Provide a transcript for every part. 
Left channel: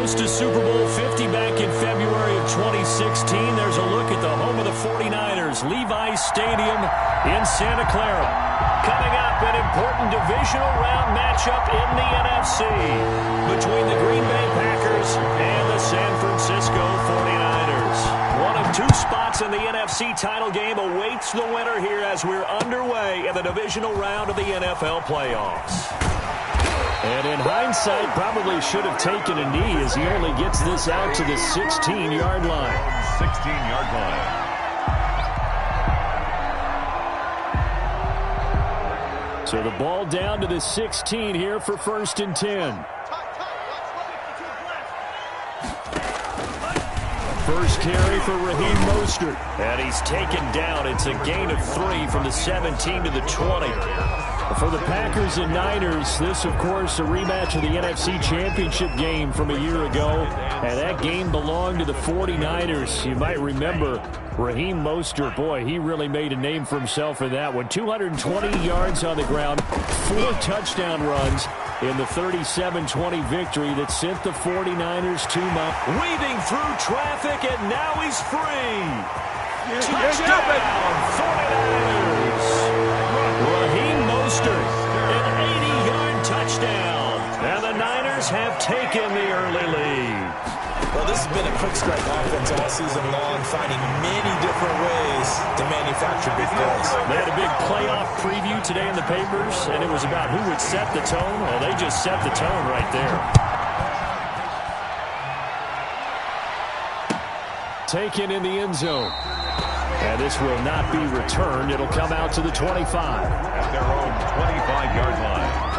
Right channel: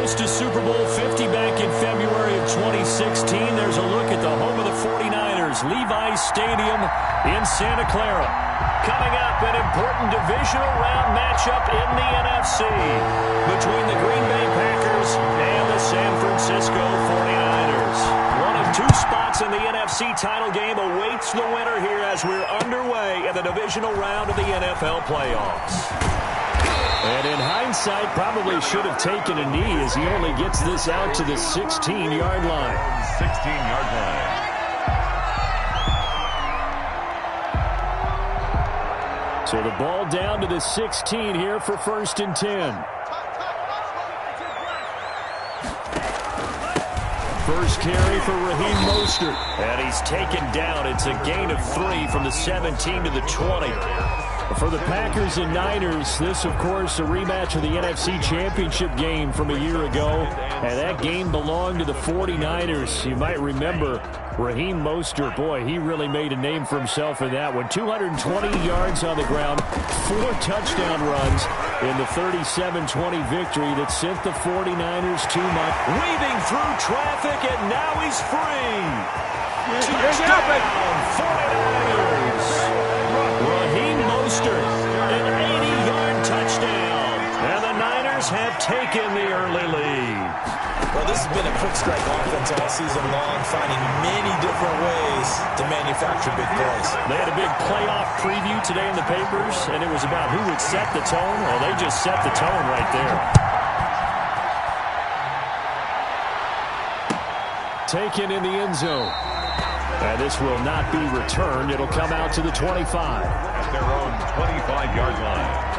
host to Super Bowl 50 back in February of 2016. There's a look at the home of the 49ers, Levi's Stadium in Santa Clara. Coming up, an important divisional round matchup in the NFC between the Green Bay Packers and the San Francisco 49ers. One of two spots in the NFC title game awaits the winner here as we're underway in the divisional round of the NFL playoffs. And in hindsight, probably should have taken a knee as he only gets this out to the 16-yard line. 16-yard line. So the ball down to the 16 here for 1st and 10. First carry for Raheem Mostert. And he's taken down. It's a gain of 3 from the 17 to the 20. For the Packers and Niners, this, of course, a rematch of the NFC Championship game from a year ago. And that game belonged to the 49ers. You might remember Raheem Mostert. Boy, he really made a name for himself in that one. 220 yards on the ground, 4 touchdown runs in the 37-20 victory that sent the 49ers to weaving through traffic, and now he's free. Touchdown, 49ers. Raheem Mostert, an 80-yard touchdown. And the Niners have taken the early lead. Well, this has been a quick strike offense all season long, finding many different ways to manufacture big plays. They had a big playoff preview today in the papers, and it was about who would set the tone. Well, they just set the tone right there. Taken in the end zone. And this will not be returned. It'll come out to the 25. At their own 25-yard line.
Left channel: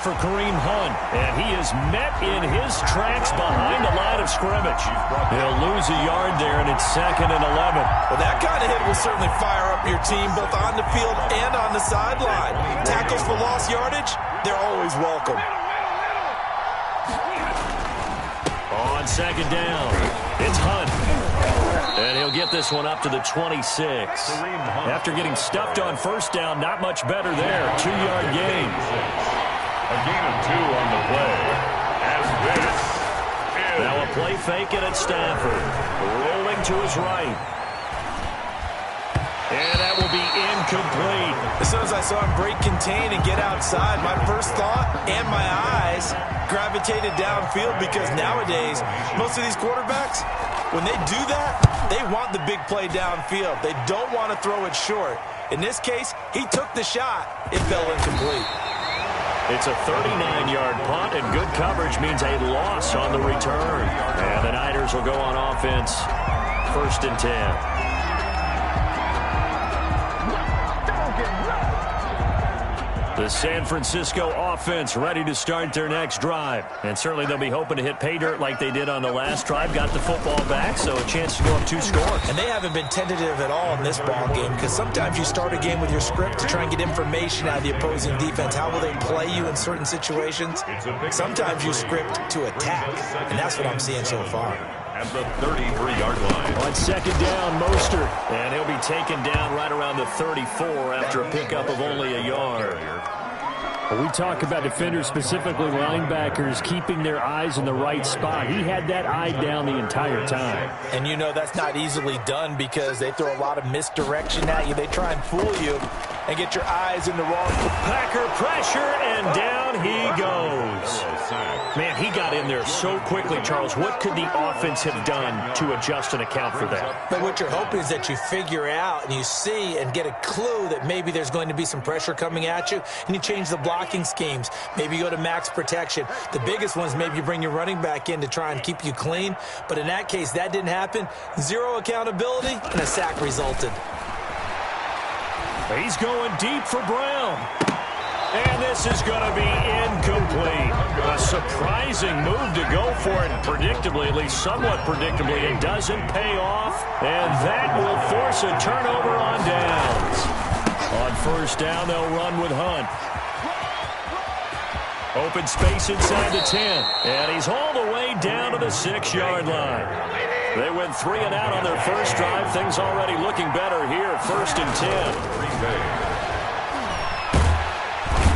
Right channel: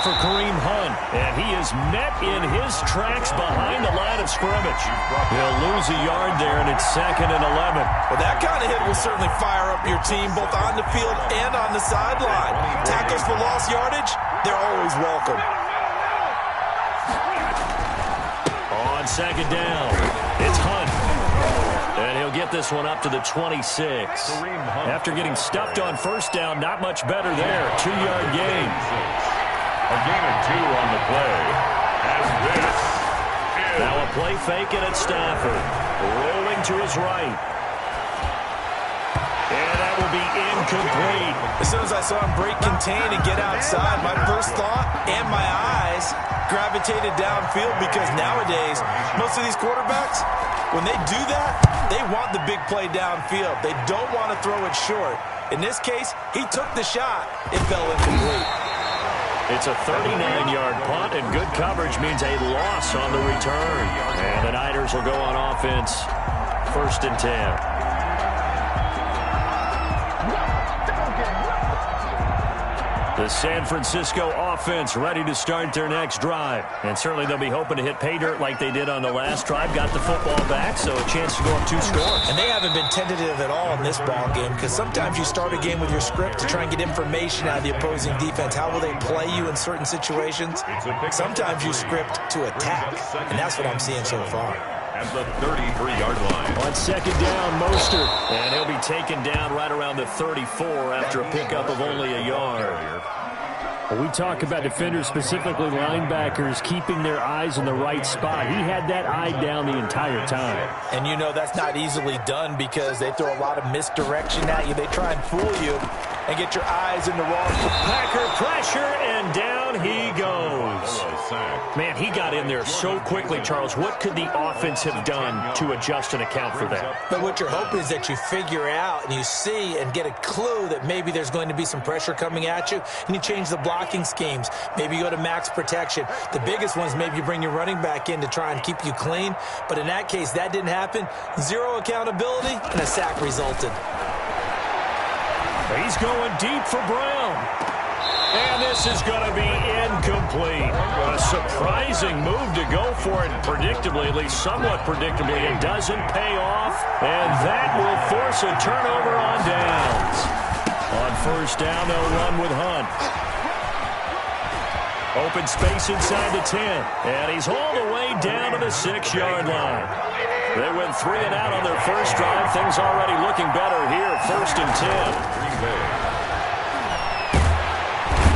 For Kareem Hunt, and he is met in his tracks behind the line of scrimmage. He'll lose a yard there, and it's 2nd and 11. Well, that kind of hit will certainly fire up your team both on the field and on the sideline. Tackles for lost yardage, they're always welcome. On 2nd down, it's Hunt. And he'll get this one up to the 26. After getting stuffed on 1st down, not much better there. 2-yard gain. A gain of 2 on the play. As this is... Now a play fake it at Stafford. Rolling to his right. And that will be incomplete. As soon as I saw him break contain and get outside, my first thought and my eyes gravitated downfield, because nowadays, most of these quarterbacks, when they do that, they want the big play downfield. They don't want to throw it short. In this case, he took the shot. It fell incomplete. It's a 39-yard punt, and good coverage means a loss on the return. And the Niners will go on offense, 1st and 10. The San Francisco offense ready to start their next drive. And certainly they'll be hoping to hit pay dirt like they did on the last drive. Got the football back, so a chance to go up 2 scores. And they haven't been tentative at all in this ball game, because sometimes you start a game with your script to try and get information out of the opposing defense. How will they play you in certain situations? Sometimes you script to attack, and that's what I'm seeing so far. At the 33-yard line. On 2nd down, Mostert. And he'll be taken down right around the 34 after a pickup of only a yard. We talk about defenders, specifically linebackers, keeping their eyes in the right spot. He had that eye down the entire time. And you know that's not easily done, because they throw a lot of misdirection at you. They try and fool you and get your eyes in the wrong. Packer pressure, and down he goes. Man, he got in there so quickly, Charles. What could the offense have done to adjust and account for that? But what you're hoping is that you figure out and you see and get a clue that maybe there's going to be some pressure coming at you, and you change the blocking schemes. Maybe you go to max protection. The biggest ones, maybe you bring your running back in to try and keep you clean. But in that case, that didn't happen. 0 accountability, and a sack resulted. He's going deep for Brown. And this is going to be incomplete. A surprising move to go for it, predictably, at least somewhat predictably. It doesn't pay off, and that will force a turnover on downs. On first down, they'll run with Hunt. Open space inside the 10, and he's all the way down to the 6-yard line. They went 3 and out on their first drive. Things already looking better here, first and 10.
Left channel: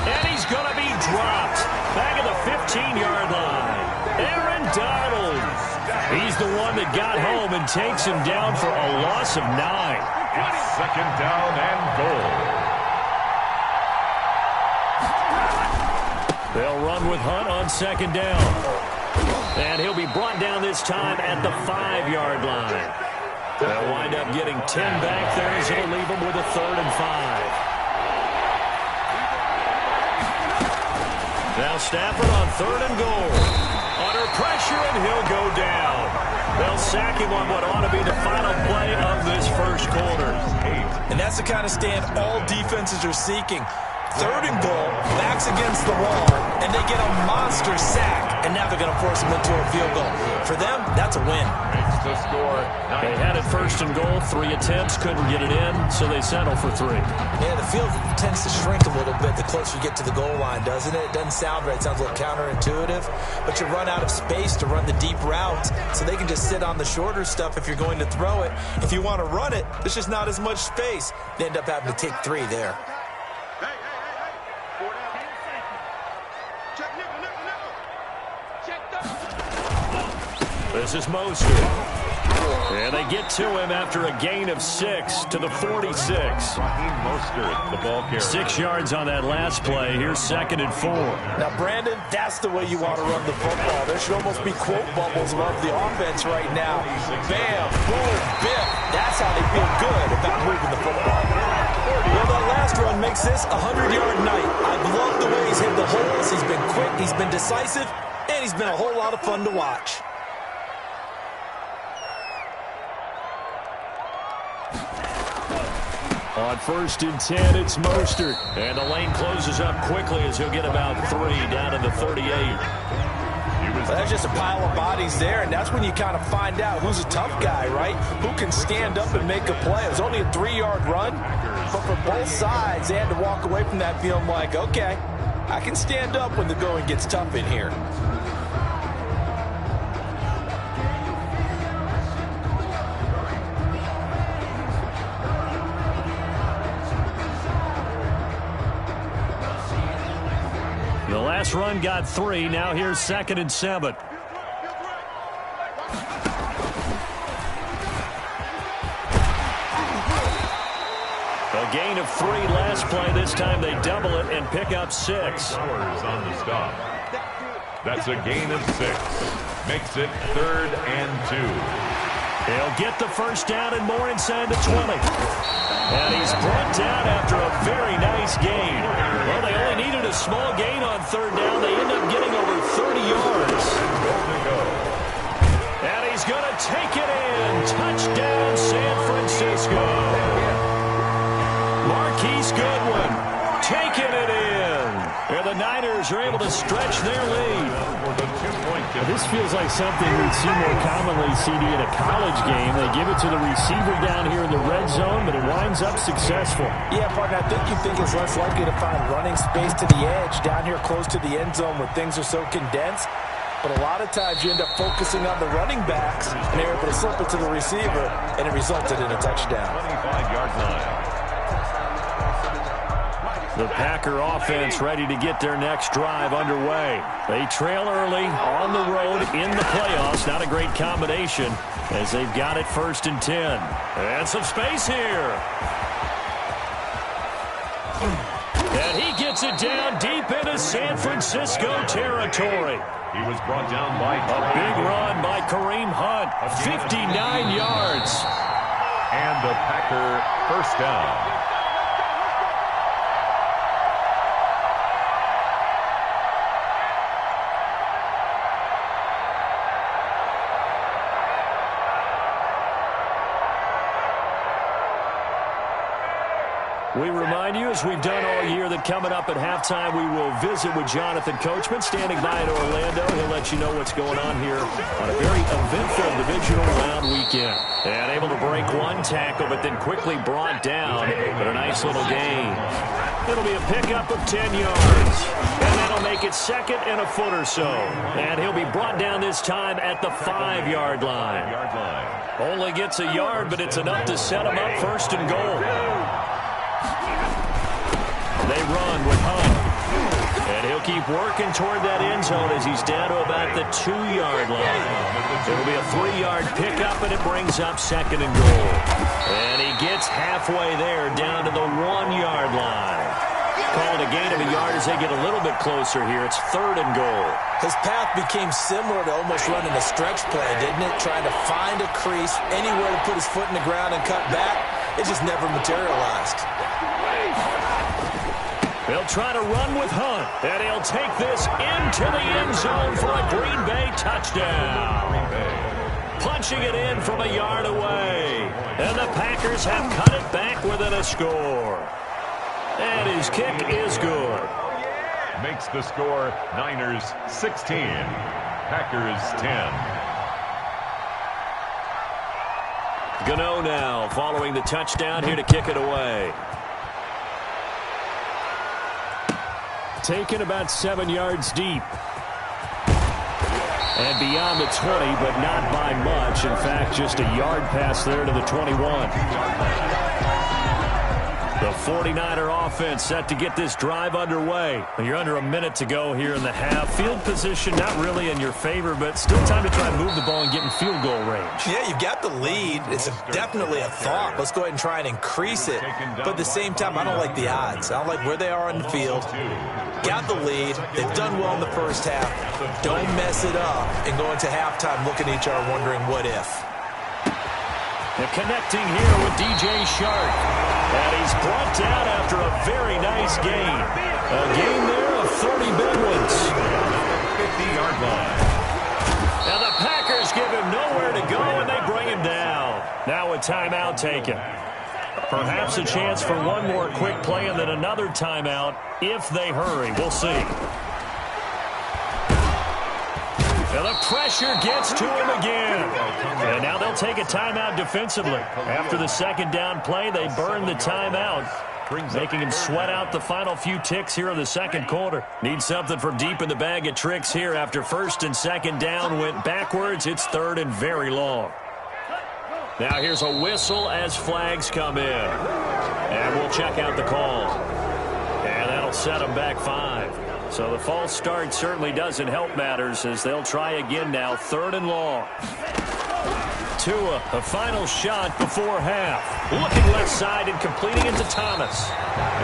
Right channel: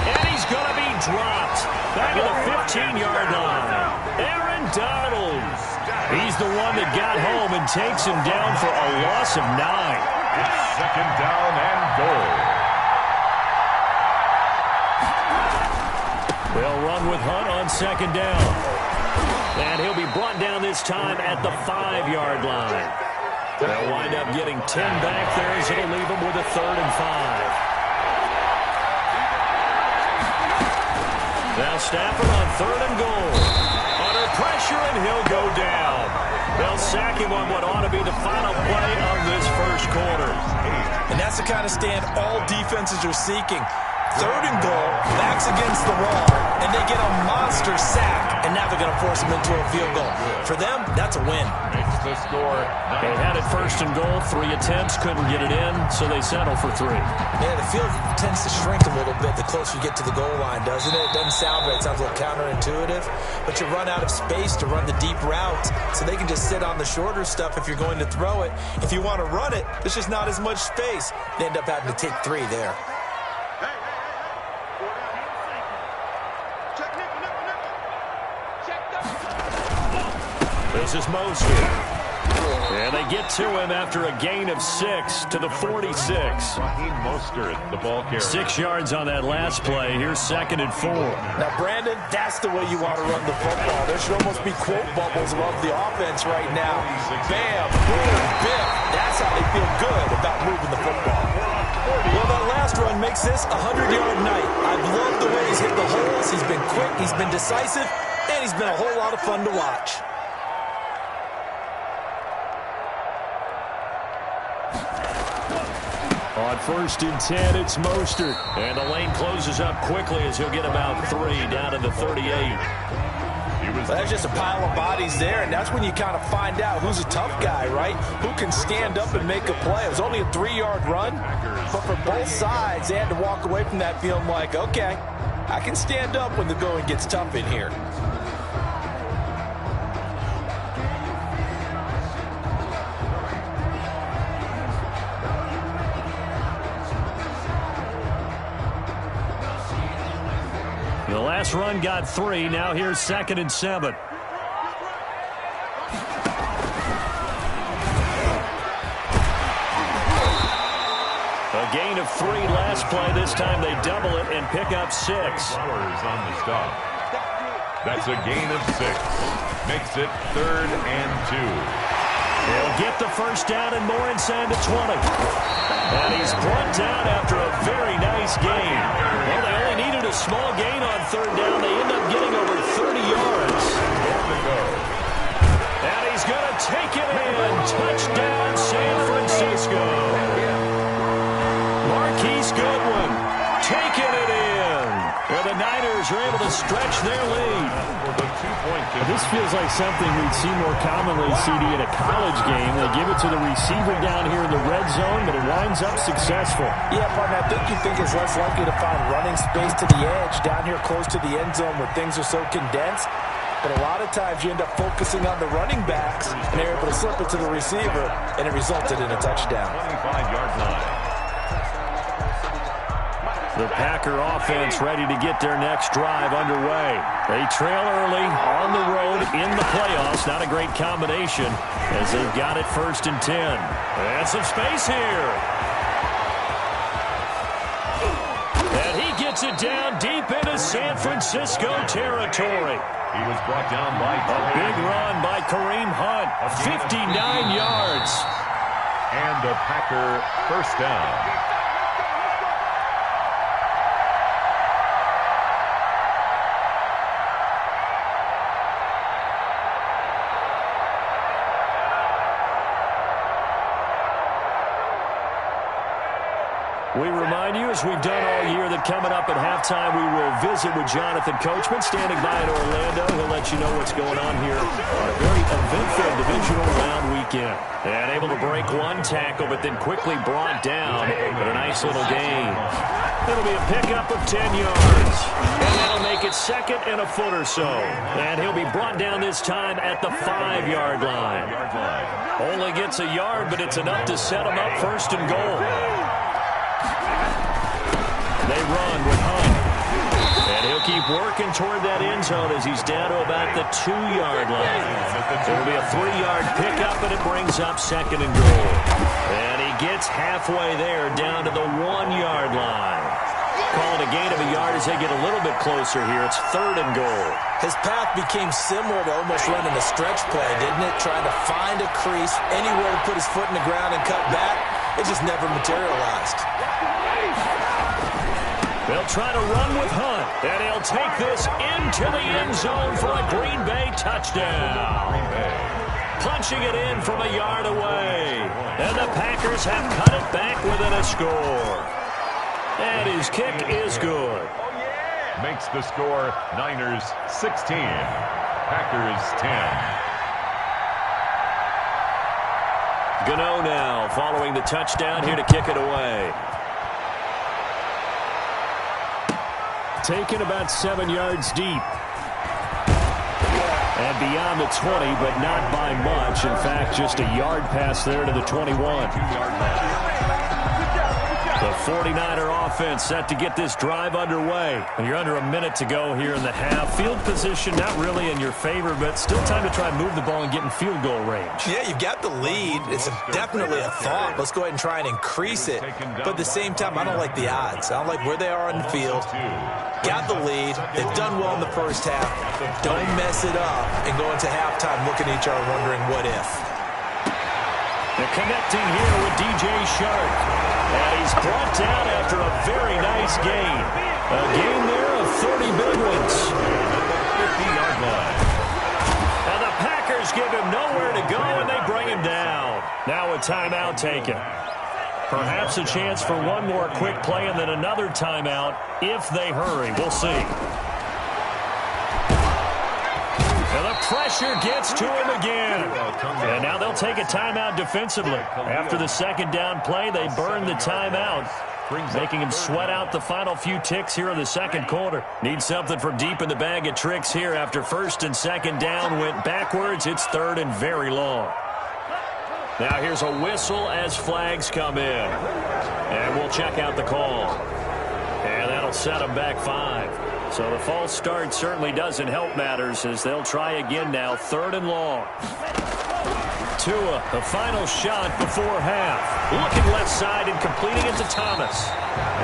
And he's going to be dropped back at the 15-yard line. Aaron Donald. He's the one that got home and takes him down for a loss of 9. It's second down and goal. They'll run with Hunt on second down. And he'll be brought down this time at the 5-yard line. They'll wind up getting 10 back there as it'll leave them with a 3rd and 5. Now Stafford on 3rd and goal. Under pressure, and he'll go down. They'll sack him on what ought to be the final play of this first quarter. And that's the kind of stand all defenses are seeking. 3rd and goal, backs against the wall, and they get a monster sack, and now they're going to force him into a field goal. For them, that's a win. Makes the score. They had it 1st and goal, 3 attempts, couldn't get it in, so they settle for 3. Yeah, the field tends to shrink a little bit the closer you get to the goal line, doesn't it? It doesn't sound right. It sounds a little counterintuitive, but you run out of space to run the deep routes, so they can just sit on the shorter stuff if you're going to throw it. If you want to run it, there's just not as much space. They end up having to take 3 there. This is Mostert. And they get to him after a gain of 6 to the 46. Mostert, the ball carrier. 6 yards on that last play. Here's 2nd and 4. Now, Brandon, that's the way you want to run the football. There should almost be quote bubbles above the offense right now. Bam, boom, biff. That's how they feel good about moving the football. Well, that last run makes this a 100-yard night. I've loved the way he's hit the holes. He's been quick, he's been decisive, and he's been a whole lot of fun to watch. On 1st and 10, it's Mostert. And the lane closes up quickly as he'll get about 3 down to the 38. Well, there's just a pile of bodies there, and that's when you kind of find out who's a tough guy, right? Who can stand up and make a play. It was only a 3-yard run, but for both sides, they had to walk away from that feeling like, okay, I can stand up when the going gets tough in here. The last run got 3. Now here's 2nd and 7. A gain of 3 last play. This time they double it and pick up 6. Flowers on the stop. That's a gain of 6. Makes it 3rd and 2. He'll get the first down and more inside the 20. And he's brought down after a very nice gain. Well, they only needed a small gain on 3rd down. They end up getting over 30 yards. And he's going to take it in. Touchdown, San Francisco. Marquise Goodwin taking it in. And the Niners are able to stretch their lead. This feels like something we'd see more commonly, CD, in a college game. They give it to the receiver down here in the red zone, but it winds up successful. Yeah, partner, I think you think it's less likely to find running space to the edge down here close to the end zone where things are so condensed. But a lot of times you end up focusing on the running backs, and they're able to slip it to the receiver, and it resulted in a touchdown. 25-yard line. The Packer offense ready to get their next drive underway. They trail early on the road in the playoffs. Not a great combination as they've got it 1st and 10. And some space here. And he gets it down deep into San Francisco territory. He was brought down by a big run by Kareem Hunt. 59 yards. And a Packer first down. We remind you, as we've done all year, that coming up at halftime, we will visit with Jonathan Coachman, standing by in Orlando. He'll let you know what's going on here on a very eventful divisional round weekend. And able to break one tackle, but then quickly brought down. But a nice little gain. It'll be a pickup of 10 yards. And that'll make it second and a foot or so. And he'll be brought down this time at the 5-yard line. Only gets a yard, but it's enough to set him up first and goal. They run with Hunt. And he'll keep working toward that end zone as he's down to about the 2-yard line. It'll be a 3-yard pickup, and it brings up second and goal. And he gets halfway there, down to the 1-yard line. Calling a gain of a yard as they get a little bit closer here. It's third and goal. His path became similar to almost running a stretch play, didn't it? Trying to find a crease, anywhere to put his foot in the ground and cut back. It just never materialized. They'll try to run with Hunt, and he'll take this into the end zone for a Green Bay touchdown. Punching it in from a yard away. And the Packers have cut it back within a score. And his kick is good. Makes the score Niners 16, Packers 10. Gano now following the touchdown here to kick it away. Taken about 7 yards deep. And beyond the 20, but not by much. In fact, just a yard pass there to the 21. The 49er offense set to get this drive underway. You're under a minute to go here in the half. Field position not really in your favor, but still time to try and move the ball and get in field goal range. Yeah, you've got the lead. It's definitely a thought. Let's go ahead and try and increase it. But at the same time, I don't like the odds. I don't like where they are in the field. Got the lead. They've done well in the first half. Don't mess it up and go into halftime looking at each other wondering what if. They're connecting here with DJ Shark. And he's brought down after a very nice gain. A gain there of 30 big ones. At the 50-yard line. And the Packers give him nowhere to go, and they bring him down. Now a timeout taken. Perhaps a chance for one more quick play and then another timeout if they hurry. We'll see. And the pressure gets to him again. And now they'll take a timeout defensively. After the second down play, they burn the timeout, making him sweat out the final few ticks here in the second quarter. Need something from deep in the bag of tricks here. After first and second down went backwards, it's third and very long. Now here's a whistle as flags come in. And we'll check out the call. And that'll set them back 5. So the false start certainly doesn't help matters as they'll try again now, third and long. Tua, a final shot before half. Looking left side and completing it to Thomas.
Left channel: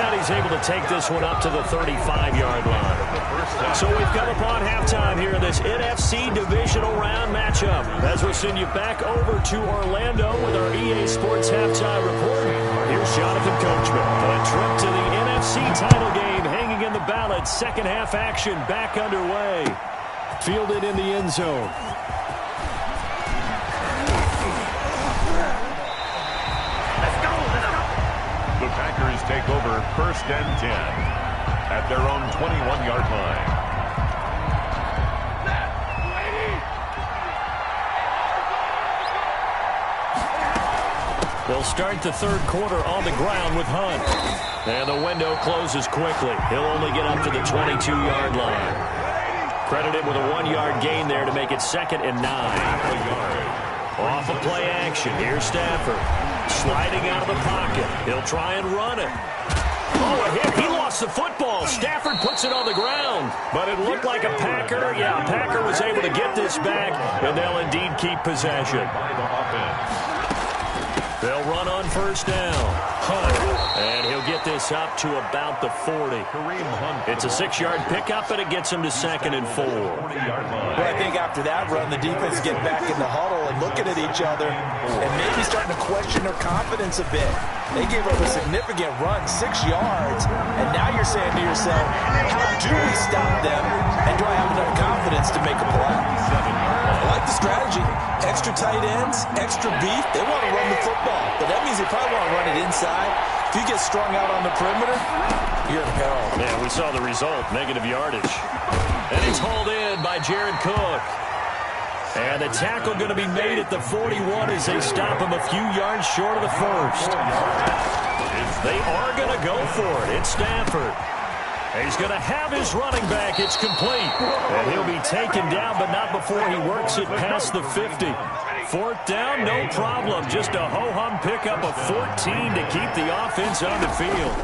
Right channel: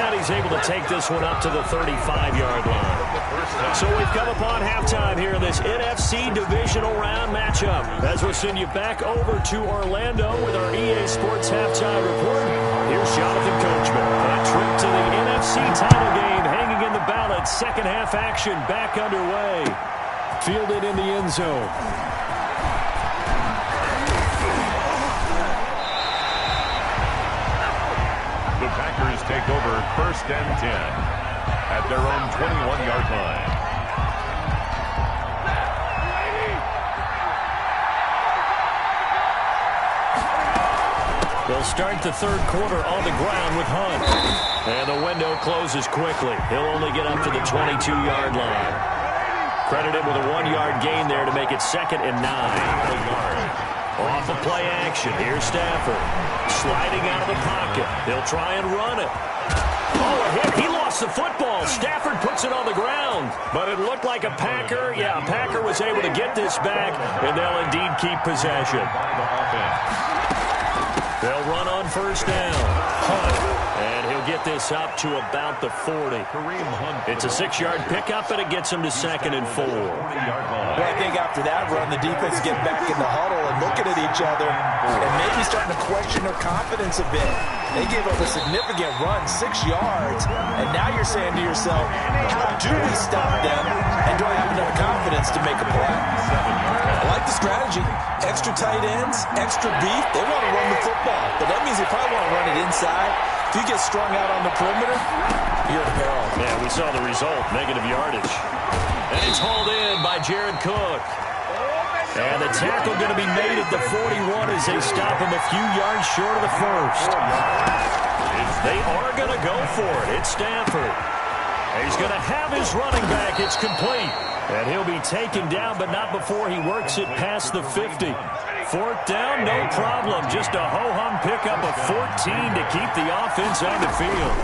And he's able to take this one up to the 35-yard line. So we've come upon halftime here in this NFC divisional round matchup. As we'll send you back over to Orlando with our EA Sports halftime report. Here's Jonathan Coachman. A trip to the NFC title game hanging in the balance. Second half action back underway. Fielded in the end zone. The Packers take over first and 10 at their own 21-yard line. They'll start the third quarter on the ground with Hunt. And the window closes quickly. He'll only get up to the 22-yard line. Credited with a 1-yard gain there to make it second and 9. Off of play action. Here's Stafford. Sliding out of the pocket. He'll try and run it. Oh, a hit. He lost the football. Stafford puts it on the ground. But it looked like a Packer. Yeah, a Packer was able to get this back, and they'll indeed keep possession. They'll run on first down. Hunt. And he'll get this up to about the 40. It's a 6-yard pickup, and it gets him to second and 4. Well, I think after that run, the defense get back in the huddle and looking at each other and maybe starting to question their confidence a bit. They gave up a significant run, 6 yards, and now you're saying to yourself, how do we stop them, and do I have enough confidence to make a play? I like the strategy. Extra tight ends, extra beef. They want to run the football, but that means they probably want to run it inside. If you get strung out on the perimeter, you're in peril. Yeah, we saw the result, negative yardage. And it's hauled in by Jared Cook. And the tackle going to be made at the 41 as they stop him a few yards short of the first. They are going to go for it. It's Stafford. He's going to have his running back. It's complete. And he'll be taken down, but not before he works it past the 50. Fourth down, no problem. Just a ho-hum pickup of 14 to keep the offense on the field.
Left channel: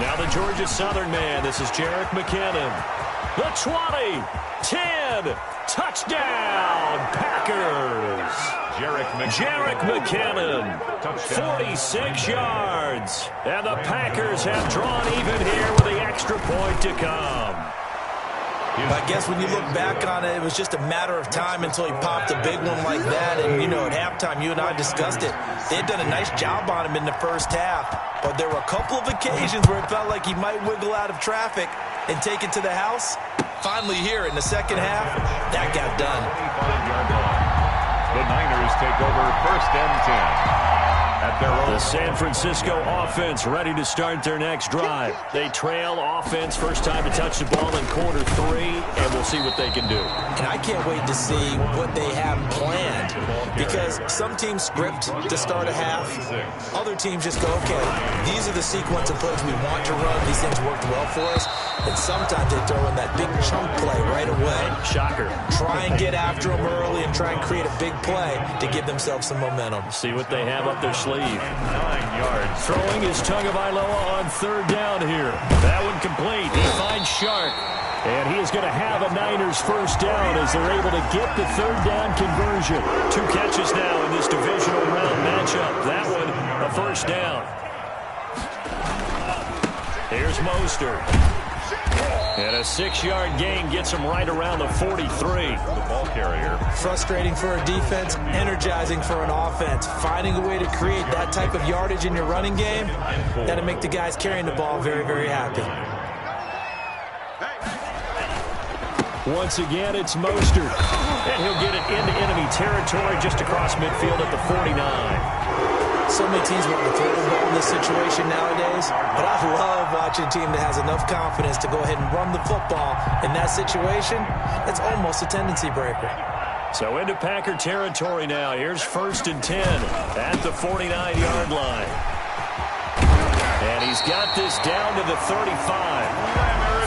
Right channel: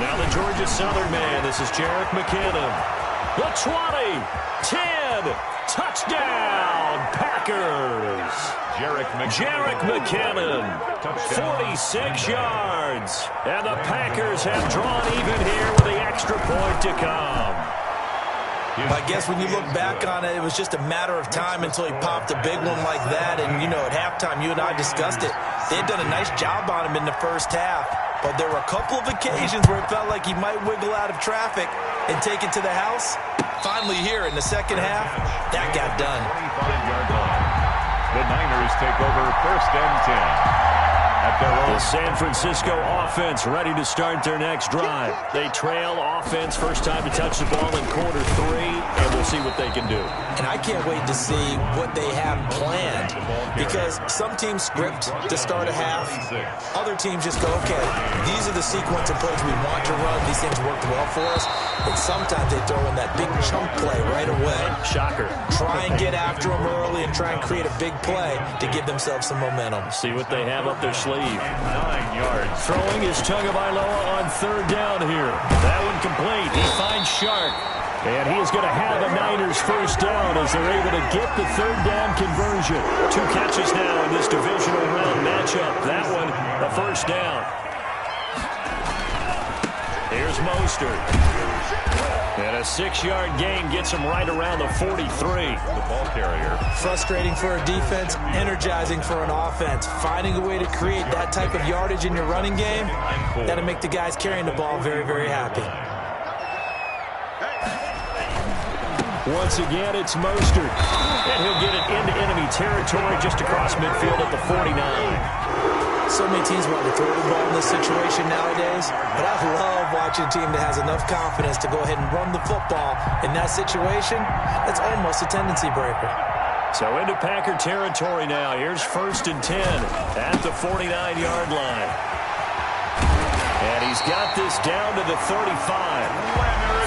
Now the Georgia Southern man. This is Jerick McKinnon. The 20, 10, touchdown, Packers. Jerick McKinnon, 46 yards. And the Packers have drawn even here with the extra point to come. I guess when you look back on it, it was just a matter of time until he popped a big one like that. And, you know, at halftime, you and I discussed it. They had done a nice job on him in the first half. But there were a couple of occasions where it felt like he might wiggle out of traffic and take it to the house. Finally here in the second half, that got done. 25-yard line. The Niners take over 1st and 10. At their own. The San Francisco offense ready to start their next drive. They trail offense, first time to touch the ball in quarter 3, and we'll see what they can do. And I can't wait to see what they have planned, because some teams script to start a half. Other teams just go, okay, these are the sequence of plays we want to run. These things worked well for us. And sometimes they throw in that big chunk play right away. Shocker. Try and get after them early and try and create a big play to give themselves some momentum. See what they have up their sleeve. 9 yards. Throwing is Tagovailoa on 3rd down here. That one complete. He finds Shark. And he is going to have a Niners first down as they're able to get the 3rd down conversion. 2 catches now in this divisional round matchup. That one, a first down. Here's Mostert. And a 6-yard gain gets him right around the 43. The ball carrier. Frustrating for a defense, energizing for an offense. Finding a way to create that type of yardage in your running game, that'll make the guys carrying the ball very, very happy. Once again, it's Mostert. And he'll get it into enemy territory just across midfield at the 49. So many teams want to throw the ball in this situation nowadays, but I love watching a team that has enough confidence to go ahead and run the football in that situation. That's almost a tendency breaker. So into Packer territory now. Here's 1st and 10 at the 49-yard line. And he's got this down to the 35.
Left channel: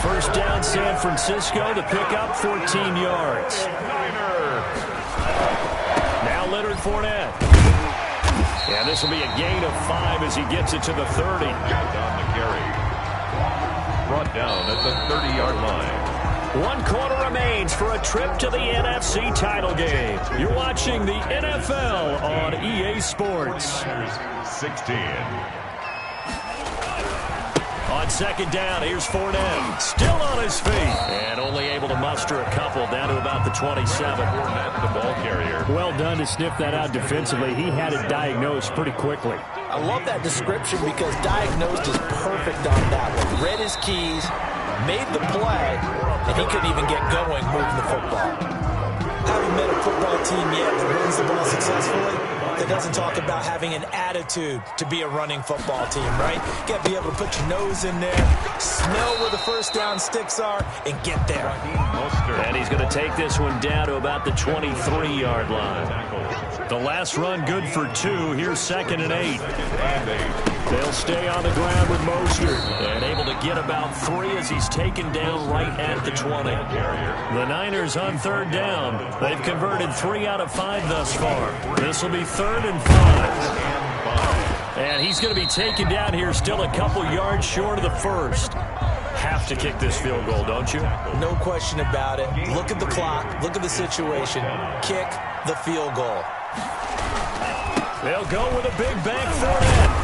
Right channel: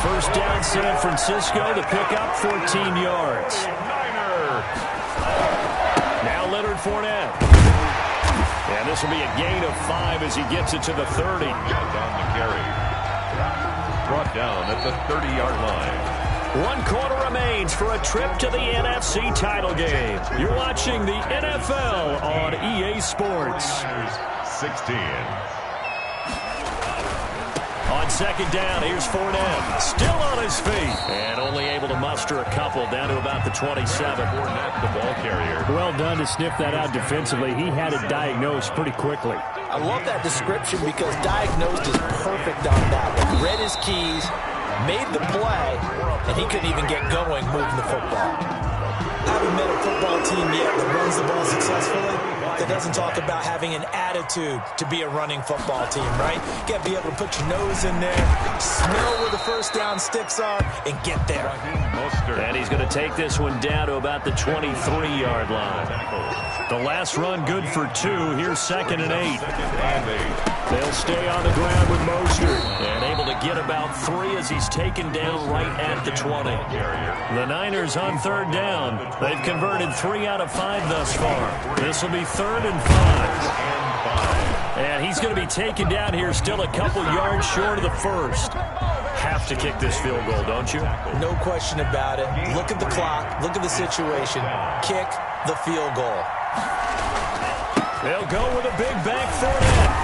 First down San Francisco to pick up 14 yards. Now Leonard Fournette. And this will be a gain of 5 as he gets it to the 30. On the carry. Brought down at the 30-yard line. 1 quarter remains for a trip to the NFC title game. You're watching the NFL on EA Sports. 16. On 2nd down, here's Fournette. Still on his feet. And only able to muster a couple down to about the 27. Fournette, the ball carrier. Well done to sniff that out defensively. He had it diagnosed pretty quickly. I love that description because diagnosed is perfect on that one. Read his keys, made the play, and he couldn't even get going moving the football. Haven't met a football team yet that runs the ball successfully that doesn't talk about having an attitude to be a running football team, right? You got to be able to put your nose in there, smell where the first down sticks are, and get there. And he's going to take this one down to about the 23-yard line. The last run good for 2. Here's 2nd and 8. They'll stay on the ground with Mostert. And able to get about 3 as he's taken down right at the 20. The Niners on 3rd down. They've converted 3 out of 5 thus far. This will be 3rd and 5. And he's going to be taken down here still a couple yards short of the first. Have to kick this field goal, don't you? No question about it. Look at the clock. Look at the situation. Kick the field goal. They'll go with a big bank Fournette.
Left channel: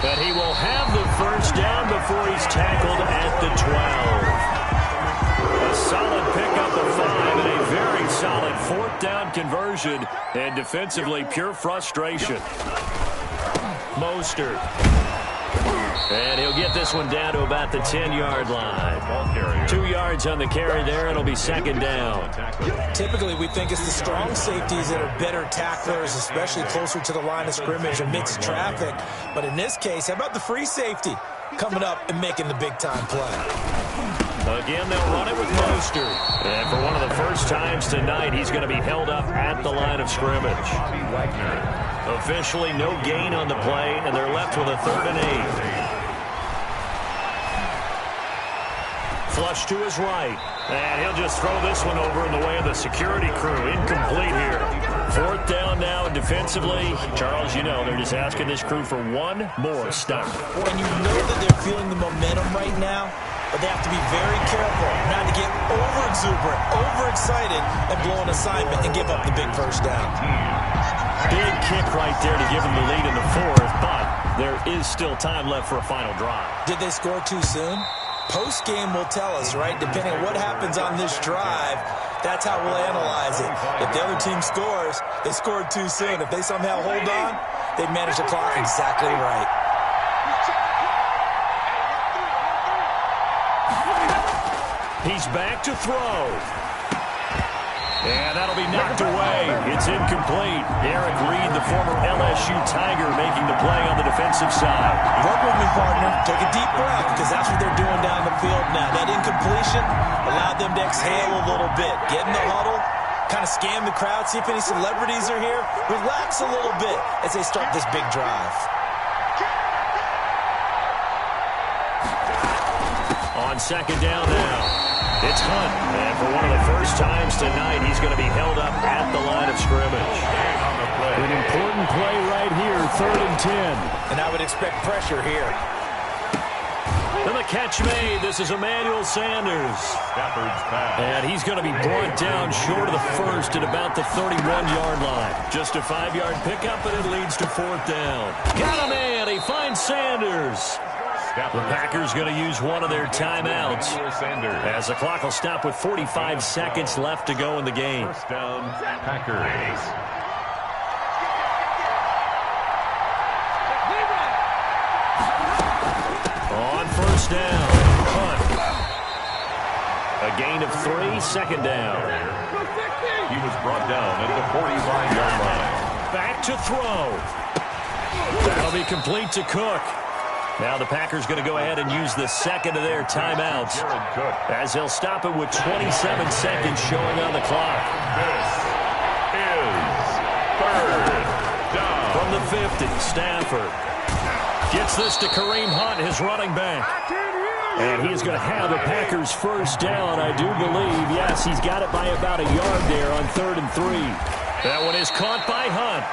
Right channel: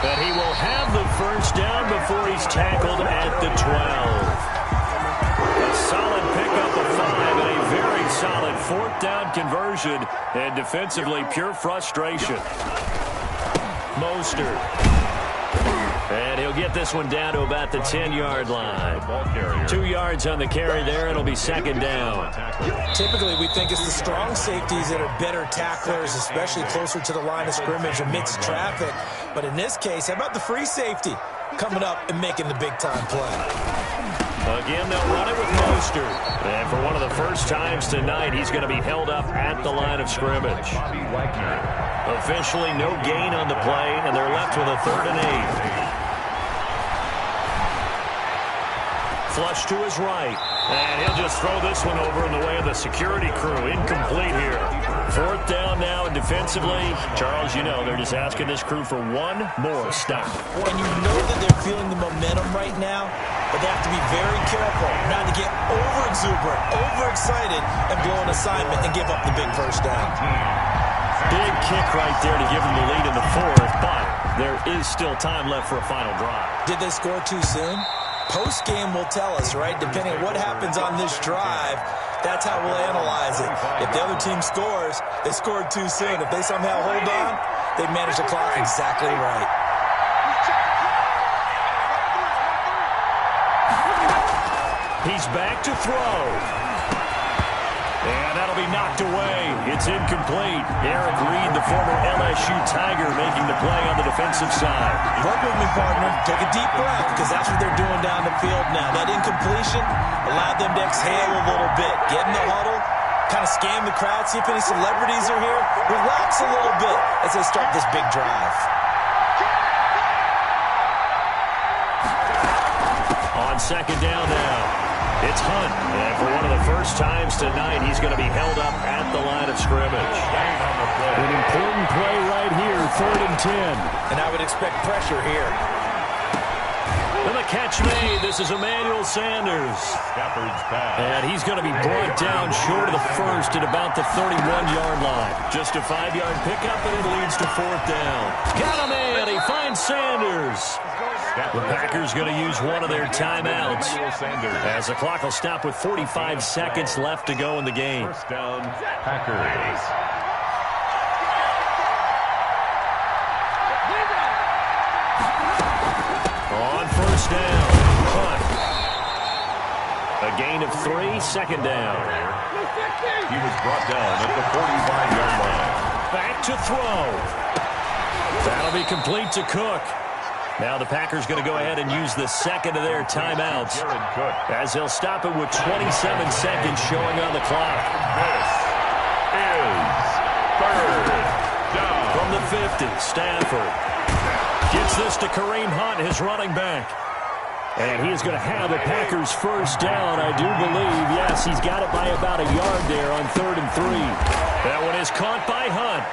But he will have the first down before he's tackled at the 12. A solid pickup of 5 and a very solid 4th down conversion. And defensively, pure frustration. Mostert. And he'll get this one down to about the 10-yard line. 2 yards on the carry there. It'll be second down. Typically, we think it's the strong safeties that are better tacklers, especially closer to the line of scrimmage amidst traffic. But in this case, how about the free safety coming up and making the big-time play? Again, they'll run it with Mostert. And for one of the first times tonight, he's going to be held up at the line of scrimmage. Officially no gain on the play, and they're left with a 3rd and 8. Flush to his right. And he'll just throw this one over in the way of the security crew. Incomplete here. 4th down now, and defensively, Charles, you know, they're just asking this crew for one more stop. And you know that they're feeling the momentum right now, but they have to be very careful not to get over-exuberant, overexcited, and blow an assignment and give up the big first down. Big kick right there to give them the lead in the 4th, but there is still time left for a final drive. Did they score too soon? Post-game will tell us, right? Depending on what happens on this drive, that's how we'll analyze it. If the other team scores, they scored too soon. If they somehow hold on, they manage the clock exactly right. He's back to throw. And that'll be knocked away. It's incomplete. Eric Reed, the former LSU Tiger, making the play on the defensive side. Work with me, partner. Take a deep breath, because that's what they're doing down the field now. That incompletion allowed them to exhale a little bit. Get in the huddle, kind of scan the crowd, see if any celebrities are here. Relax a little bit as they start this big drive. On second down now. It's Hunt, and for one of the first times tonight, he's going to be held up at the line of scrimmage. An important play right here, 3rd and 10. And I would expect pressure here. And the catch made. This is Emmanuel Sanders. And he's going to be brought down short of the first at about the 31-yard line. Just a 5-yard pickup, and it leads to 4th down. Got a man. He finds Sanders. The Packers going to use one of their timeouts as the clock will stop with 45 seconds left to go in the game. First down, Packers. On first down, Hunt. A gain of 3, second down. He was brought down at the 45-yard line. Back to throw. That'll be complete to Cook. Now the Packers going to go ahead and use the second of their timeouts as they'll stop it with 27 seconds showing on the clock. This is 3rd down. From the 50, Stafford gets this to Kareem Hunt, his running back. And he is going to have the Packers first down, I do believe. Yes, he's got it by about a yard there on 3rd and 3. That one is caught by Hunt.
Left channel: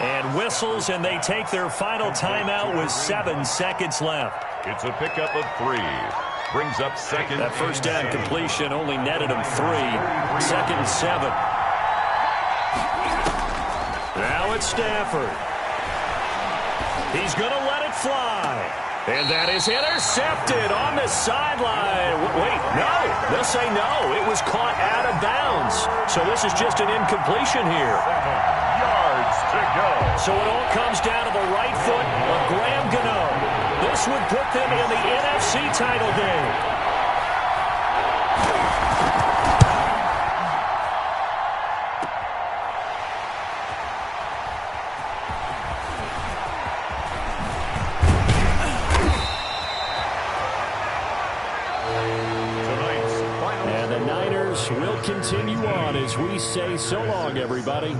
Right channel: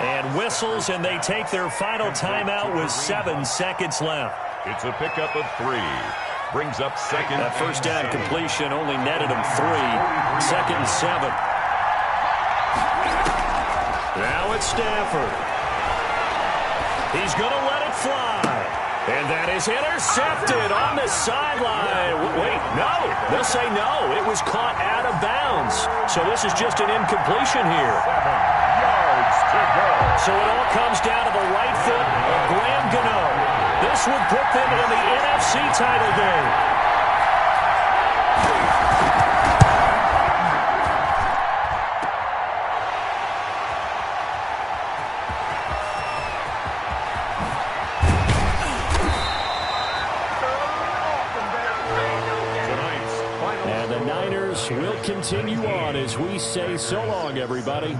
And whistles, and they take their final timeout with 7 seconds left. It's a pickup of 3. Brings up second. That first down completion only netted him 3. 2nd and 7. Now it's Stafford. He's going to let it fly. And that is intercepted on the sideline. Wait, no. They'll say no. It was caught out of bounds. So this is just an incompletion here. 7 yards to go. So it all comes down to the right foot of Graham Gano. This would put them in the NFC title game. And the Niners will continue on as we say so long, everybody.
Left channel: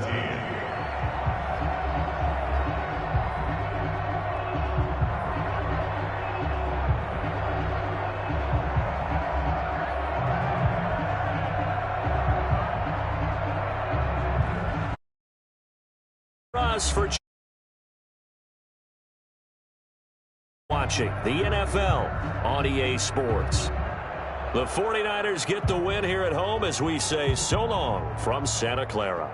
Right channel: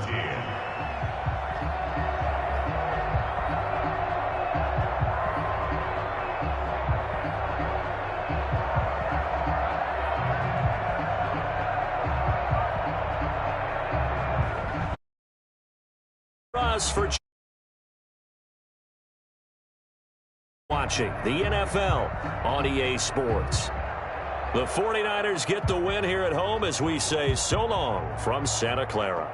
Us for watching the NFL on EA Sports. The 49ers get the win here at home as we say so long from Santa Clara.